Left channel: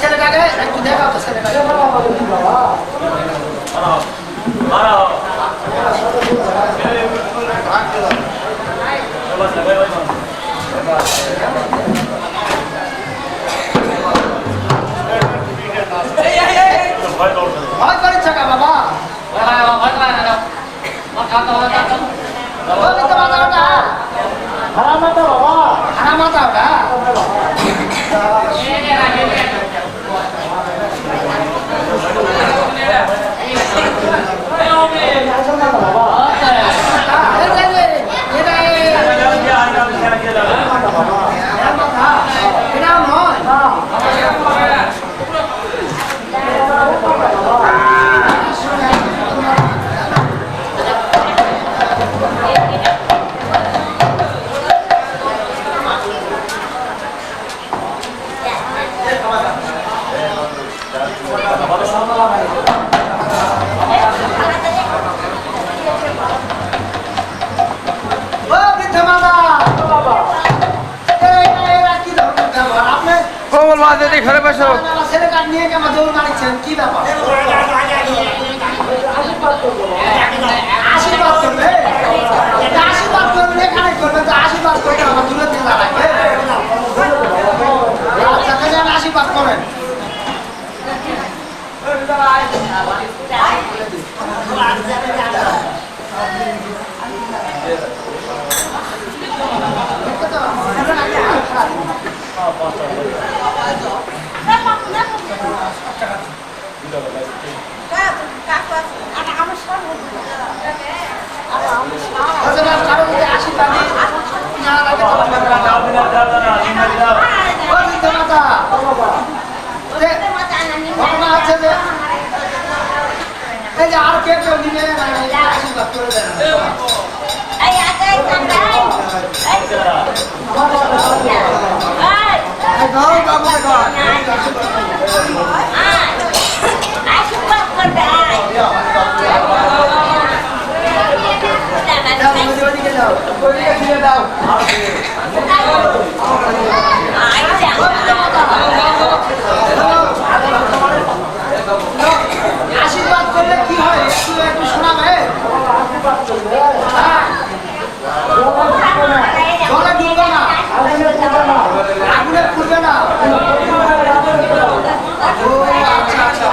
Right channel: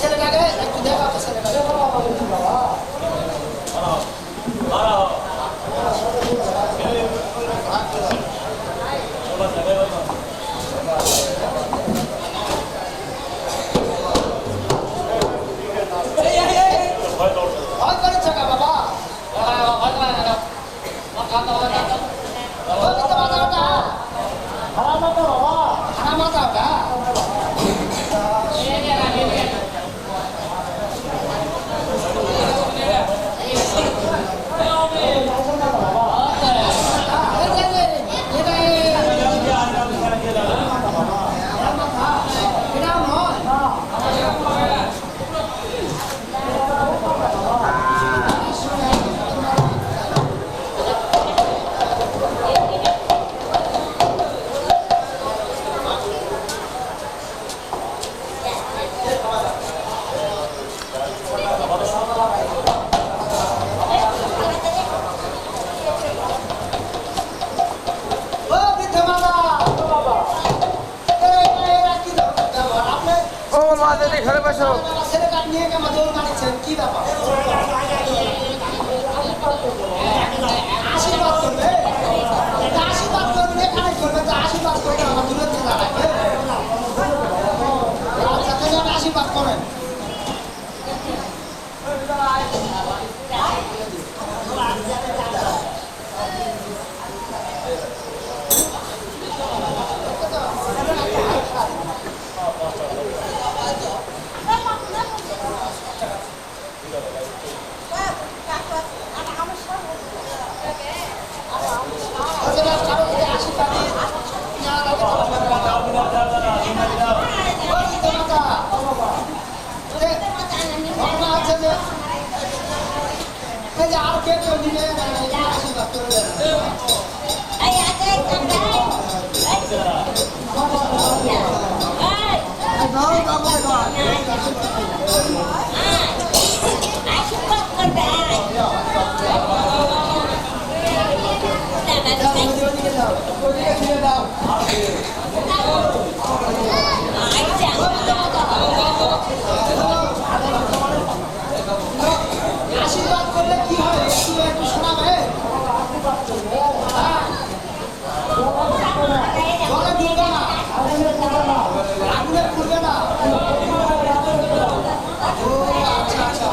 ছেলেটাকে একটু দেখাও তো ছেলেটাকে ভয় করেছ কা বাবা হারামাতা ওটা ছেলেটা নিয়ে আমার দৌড় মারিছেন কি ব্যাপার আশীর্বাদ করবে আশীর্বাদ করবেন এখানে করবেন তো আশীর্বাদ করতে আমার দূরে থেকে দাঁড়াবে আচ্ছা তাহলে আমি আশীর্বাদ করেন আর কে কেউ নিবে আশীর্বাদ করে দেন আশীর্বাদ করলে কি হয় একটু শোনাবে জলে ডুববে না আগুনে পুড়বে না আচ্ছা আচ্ছা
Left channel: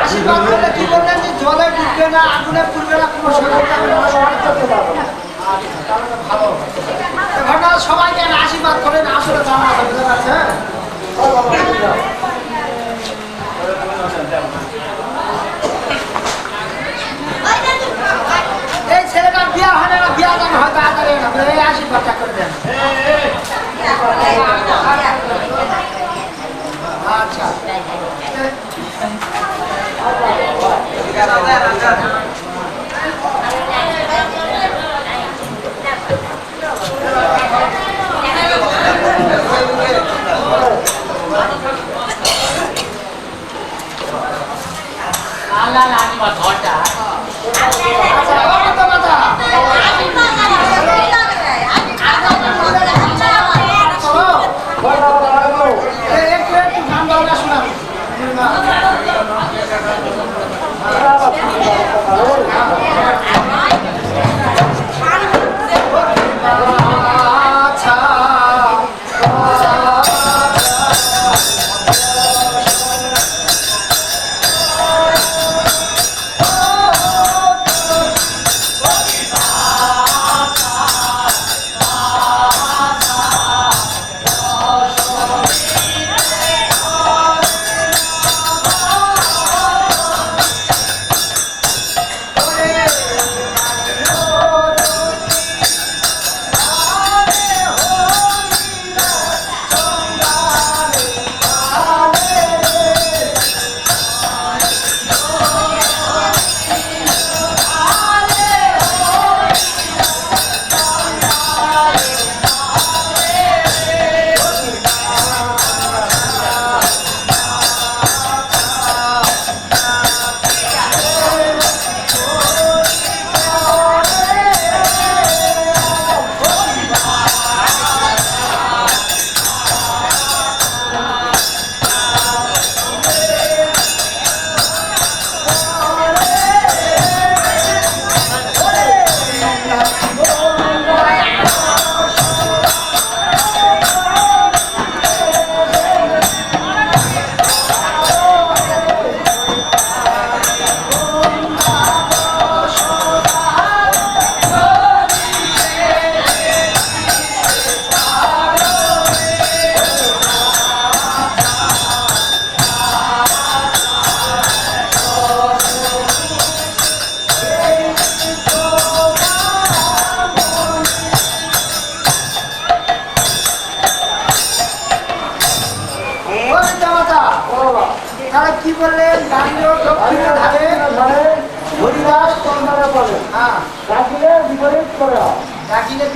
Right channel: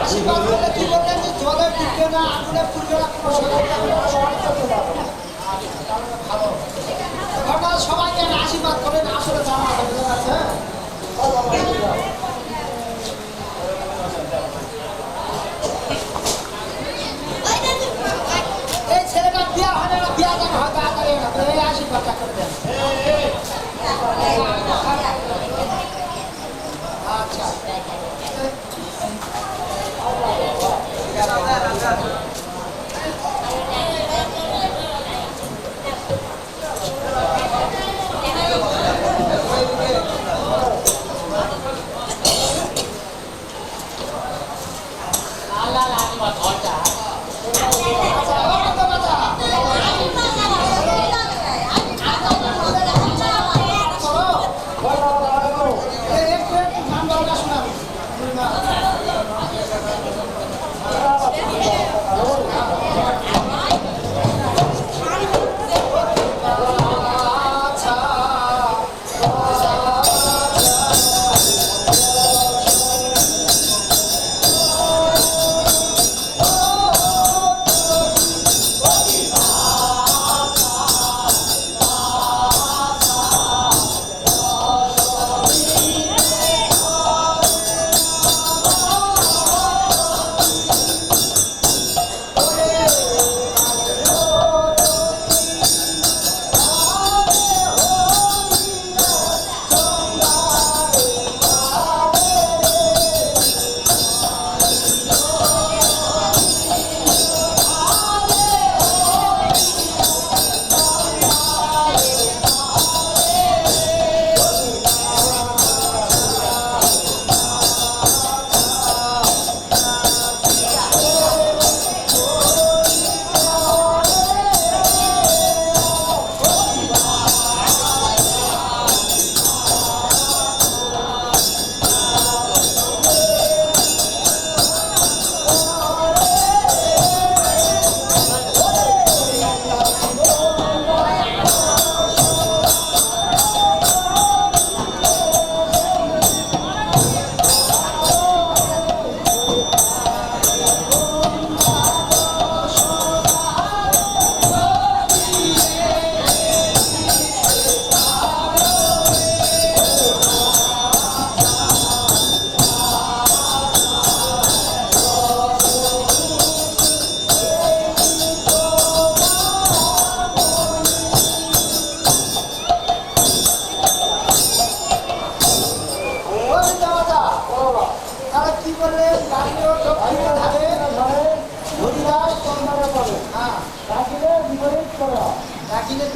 আশীর্বাদ করলে কি বললেন যে জলে ডুববে না আগুনে পুড়বে না কোনো ঘটনা সবাইকে আশীর্বাদ করেন আসলে জানা বুঝতে পারছেন এই ছেলেটার বিয়া হয় না বিয়া দান হয় তাড়াতাড়ি এই আশীর্বাদটা করে দেন আচ্ছা Oh!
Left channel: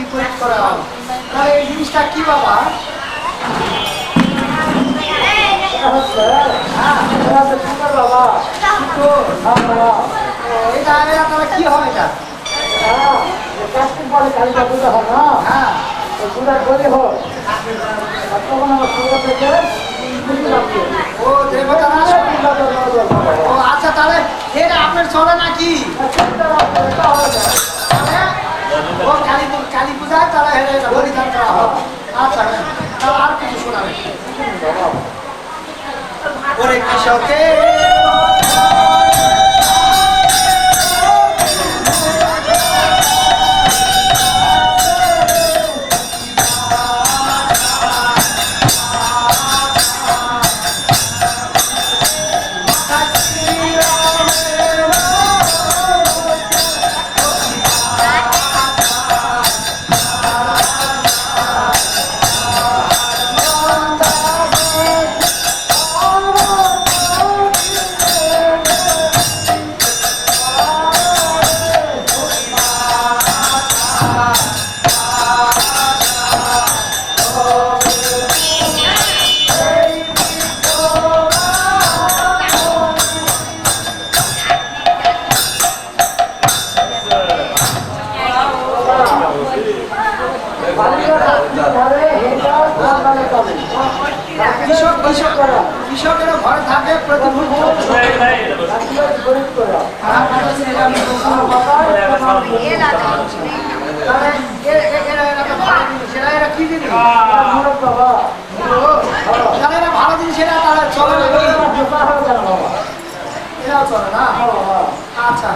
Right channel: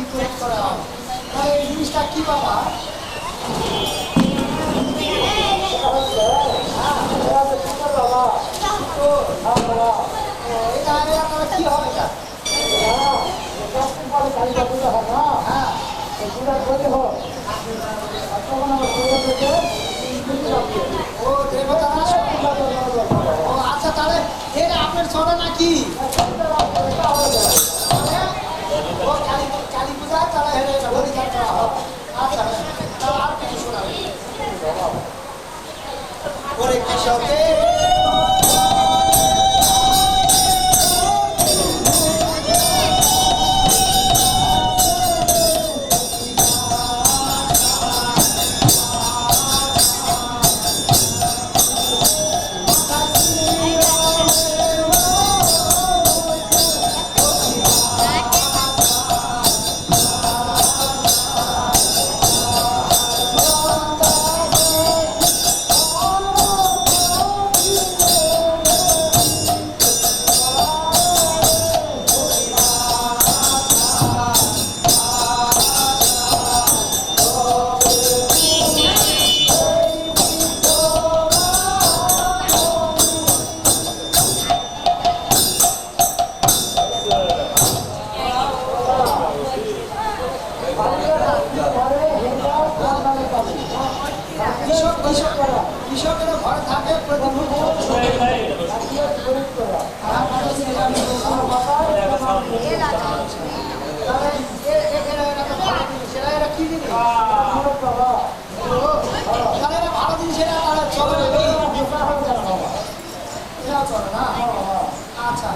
বিপরীত করা হয়। তাহলে এই জিনিসটা কি বাবা? এটা তাহলে কি হয় এটা? হ্যাঁ ও দেবতা না? ও আচ্ছা, তাহলে এটা আপনার চলে নাকি? ও কালী পূজায় তাহলে বলিদান করা হয়। আচ্ছা, তাহলে আর কিছু শোনাবে? ওরে কৃষকে কৃষকেরা ঘরে থাকে প্রতিদিন এরা কি জিনিস? তাহলে এরা ভালো জিনিস, এরা তাহলে চলে না? এরাও চলে না? আচ্ছা,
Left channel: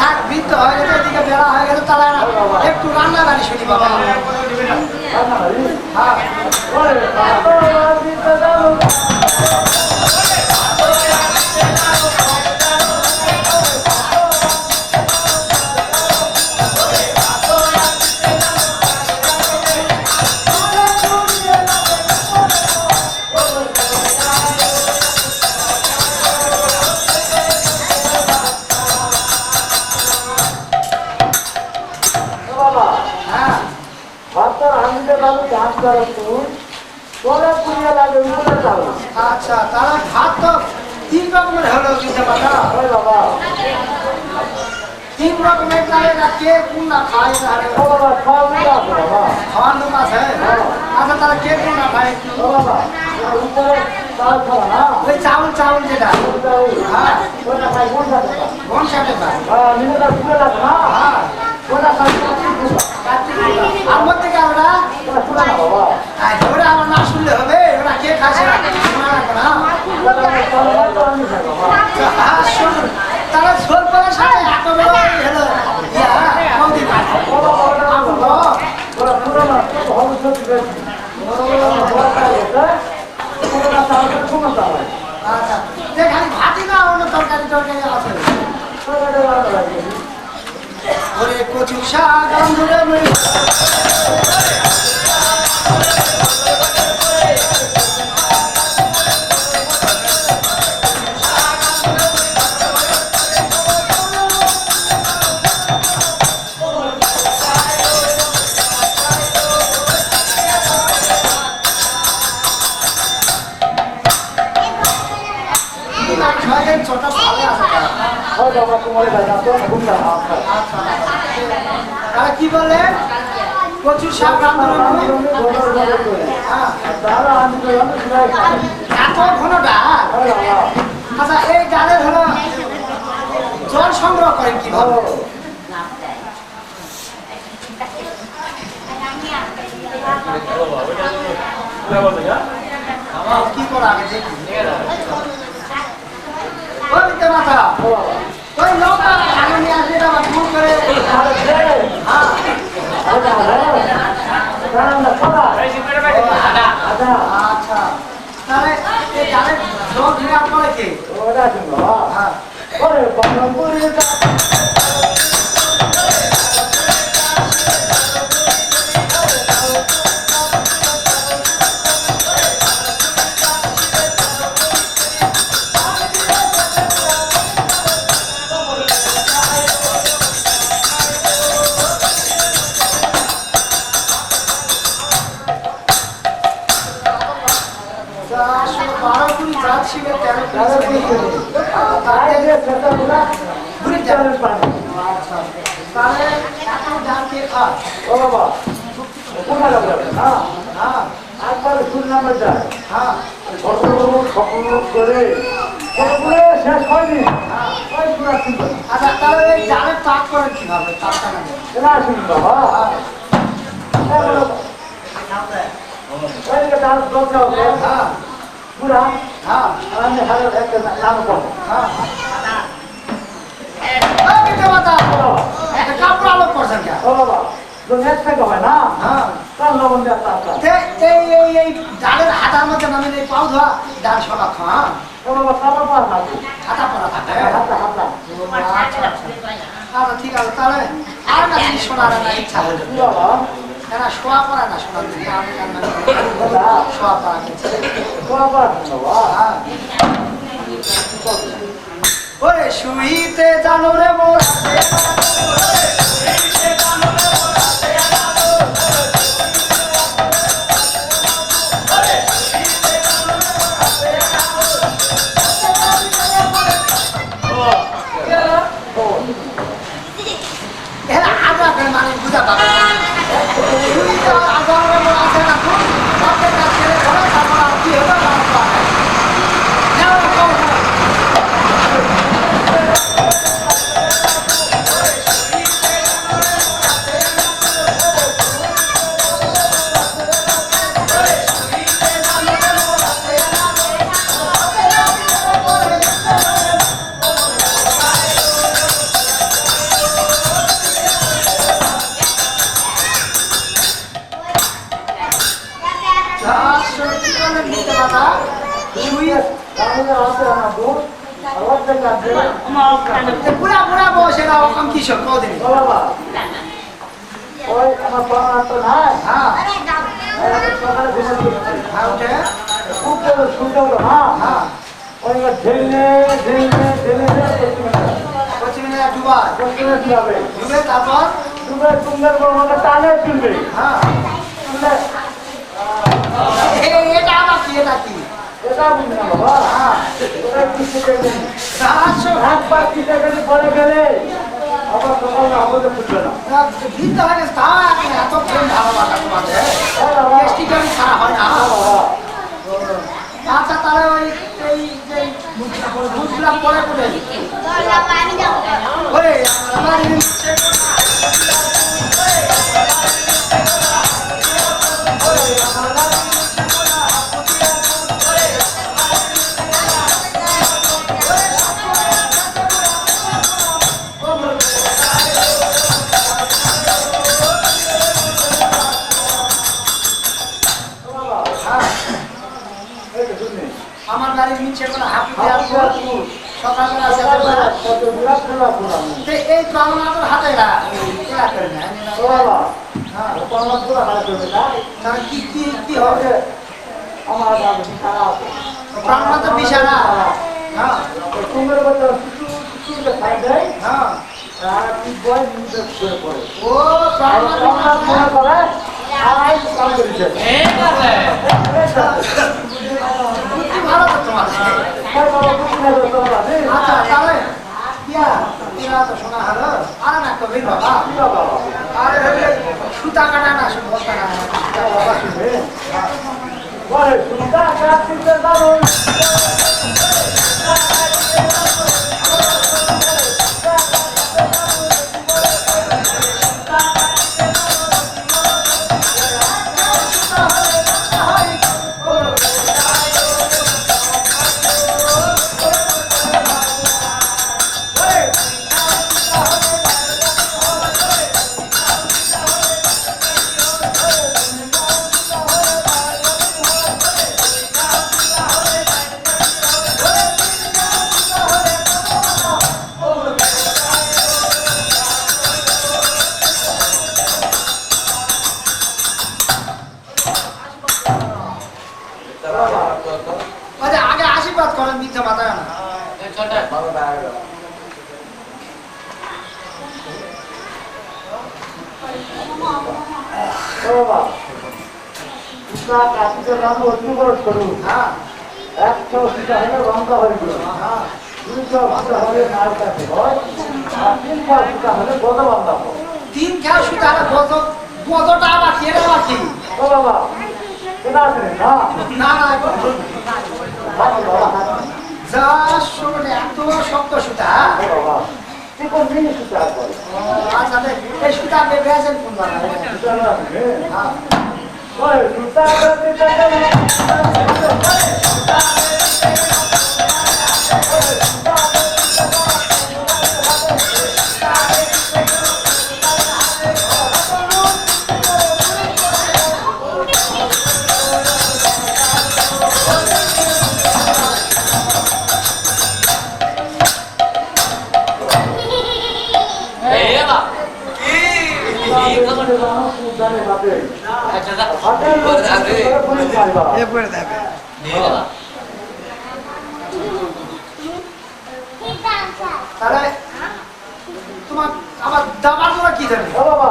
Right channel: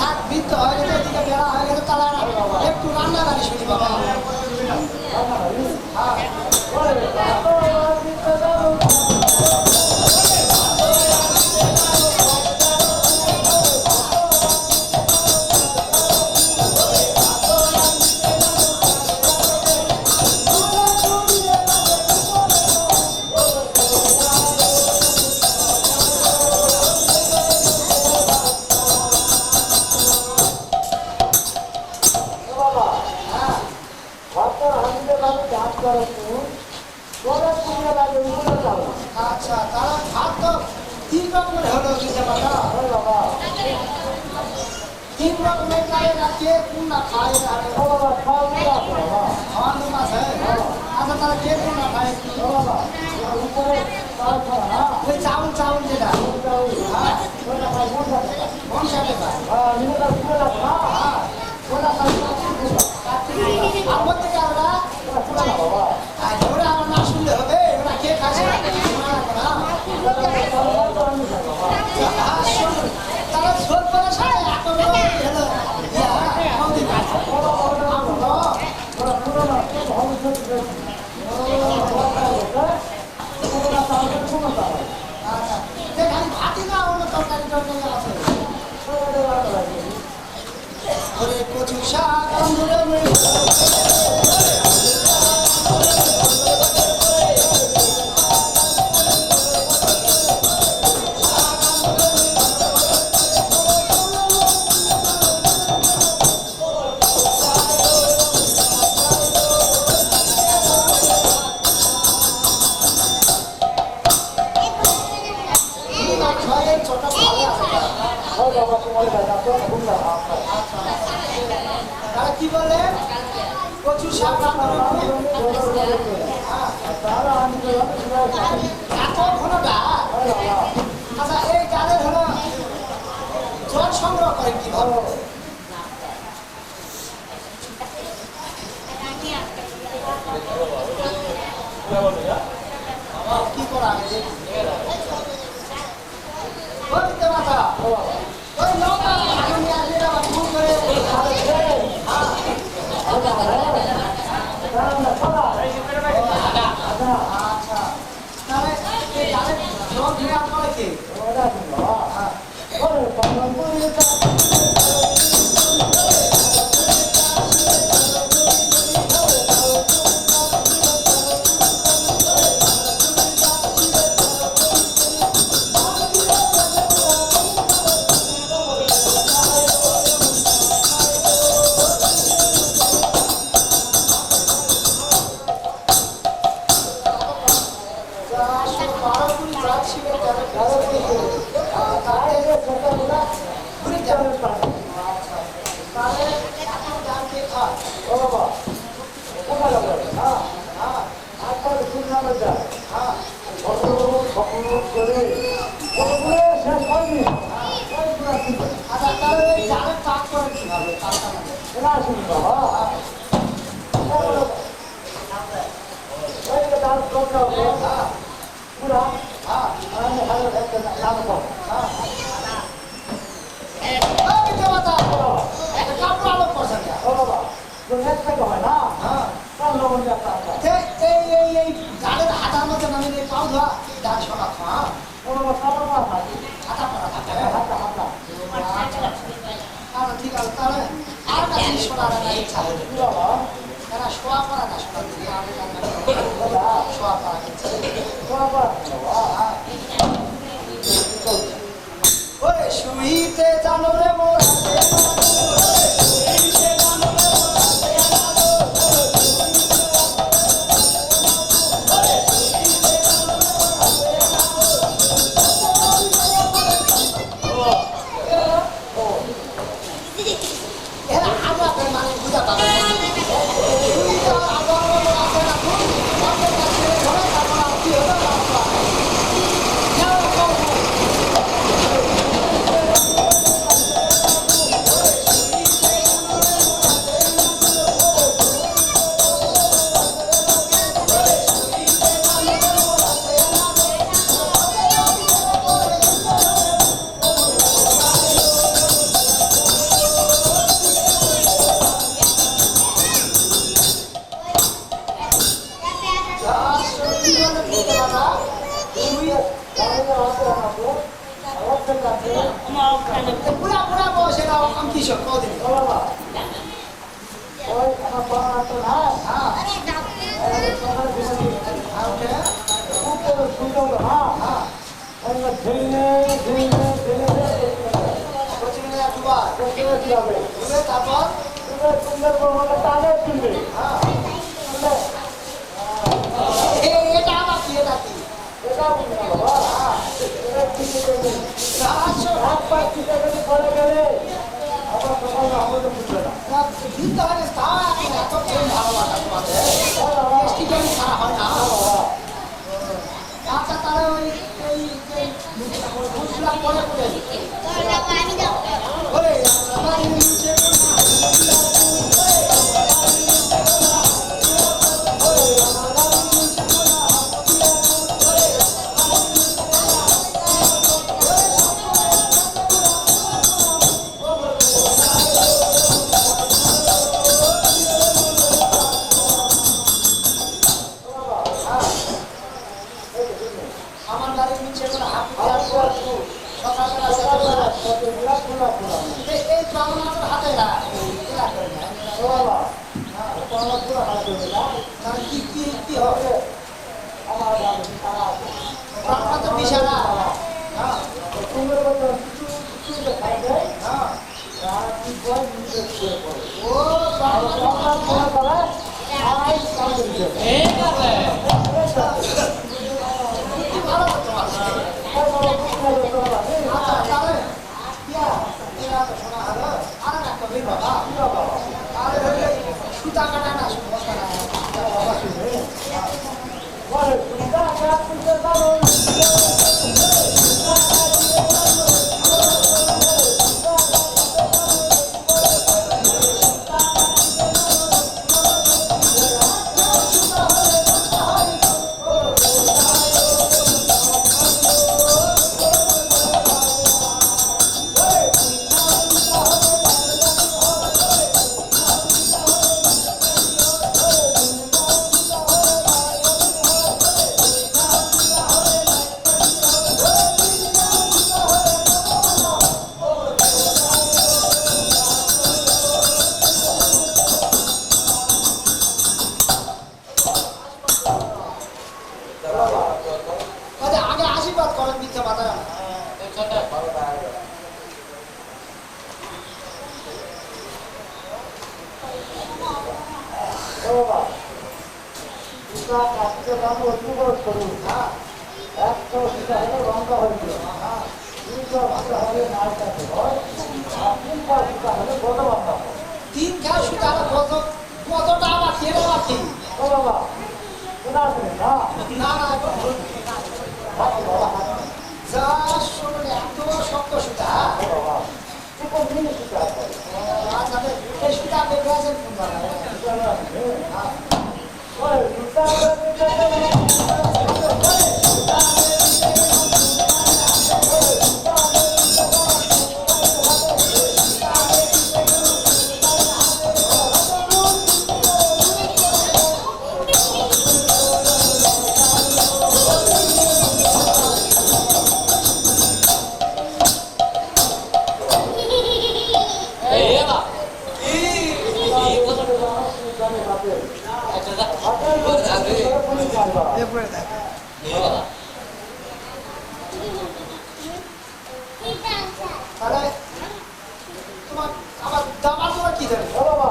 থাক, বৃত্ত হয়ে গেছে, এদিকে বেড়া হয়ে গেছে, তাহলে একটু রান্না বাড়ি শুনি বাবা। আচ্ছা, তারা ভাত তো তিন রকমের হলো কিন্তু বাবা, তিন রকমের। কে কোন না খায়? খাওয়ার লোক আছে? আচ্ছা, তারা কে কোন না খায়? ওই চাউল চাউল যেটা কোন সাথে খায়? আর মধ্যে কারোরা ওরা আমার না শুনলে হবে? ওরা কে খাচ্ছে না? তারা ঝোল করার সাথে খালি ভাতি না, অন্য তরকারি টরকারি আছে? ওরে কচু শাক কি বললেন? কচু শাক এত ঘন ডাল? আচ্ছা, এই ডালের হলো জল সংগ্রহ করেন কিভাবে? কি করা আমি দেখি। মাথা ওই লম্বা নিয়ে আসলে আবার ভুল করে আচ্ছা, তাহলে এই ডালের জল দেওয়ার পরে কে? কে খায়? ও বাবা কোথায় যাবে না হ্যাঁ একবার শুনলাম এটা হ্যাঁ সকল করে এগুলো শেষ হয়নি ওই পুরা শুনবে আচ্ছা তাহলে এই জালের তাক করেন কিভাবে? তাকটা না এটা শুনুন বাবা ওইদিকে তার দরজা হবে হ্যাঁ পুরা হ্যাঁ আমি হাজার একটা নাম করবো হ্যাঁ কাপড় আলো করছেন কে? ও বাবা তো নেট থেকে হয় না হ্যাঁ কাল লবণ দিয়ে আপনার এই ডালের হাতার মধ্যে নামে এই পাও ধোয়া ডাল সলা খাওয়া ও বাবা কাপড় পাওয়া থাকে হাতা পরা থাকে। হাতা হাতা আচ্ছা ঠিক আছে তাহলে আর না জিনিস শোনার না ইচ্ছা হলো কি বাবা এরা শোয়া পড়া না শোনার দিকে আমি জানলাম শোয়া পড়া গেছে। শোয়া পাওয়া বাবা হ্যাঁ ওরে শুইতে জানো রে মোর মানে বুঝা পাবে বুড়া বুড়া বসেরা ওরকম কিসব কদিন বাবা ওই আমার বাবা তো নাই হ্যাঁ সকালে ঘুরে দিয়েছে হ্যাঁ ওকে খুব বড় সুন্দর হ্যাঁ হ্যাঁ ওই ঢেলে ঢেলে ঢেলে পশ্চিমে ডুবাই পশ্চিমে যাবে ডুবে তারপর ডুবে সুন্দর বড় মতো টানে তুলবে হ্যাঁ তুললে এটা আবার কি এটা কি এটা বুঝি না বাবা হ্যাঁ ওটা কিছু দেবেন রাহাস্য হাত পা কিছু গেলে পরে গেলে আবার সকালে আমাদের ফুটবে না ভিন্ন হয় তা এত প্রেম ভালোবাসা তোমাদের বাবা টেস্টি কেমন খারাপ হয় না আচ্ছা তাহলে ওই এই যে বুঝলা পরে কোথায় ওরে আমার নিচে আমার বাড়ির নিচে কোনো হাঁপি দেওয়ার পর সকালবেলা এই প্রাণনাথের হাতে এরা করে না তাহলে কি কি কি হবে প্রাণনাথের বিছানা হ্যাঁ হ্যাঁ ও প্রাণনাথ ভালো তো তোমাদের আচ্ছা তাহলে ইয়া তো শোনা হলো আর না কবে বাবা আরে সুতা কাটা না বস্তা কাটা আগে আশীর্বাদ করেন মিথ্যা মাথা না হ্যাঁ 100 সীতা হলে রঙা হয়ে গেল হ্যাঁ 200 সীতা হলে নাল কাছে হয় আর 300 সীতা হলে গদা বান্ধা হয় তিন খেয়া সুতা কতটা বাকি এরা বাকি ও বাবা কেনা আছে না না না যা শোনে এত শক্ত সুতা ও বাবা তুই কোন জিনিস সুতা বল আচ্ছা এই সুতা বেবেছেন কোন বাবা সুতা না হ্যাঁ ওই সুতা করতে এরপরে দেবে তাহলে তোমার আবার দাবার তোমার কি দেবে ও বাবা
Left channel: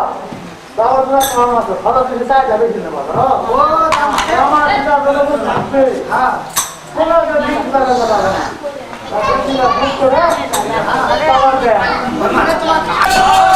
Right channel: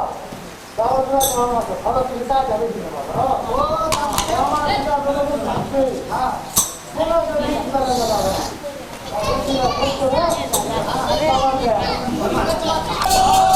দাওয়াত না কেমন আছে ভালো দিকে তাই যাবে কিনা বাবা ও দাম আমার সুতা বলে থাকবে হ্যাঁ কোনো যদি সুতা না বাবা না বুক করে দাওয়াত দেয় মানে তোমার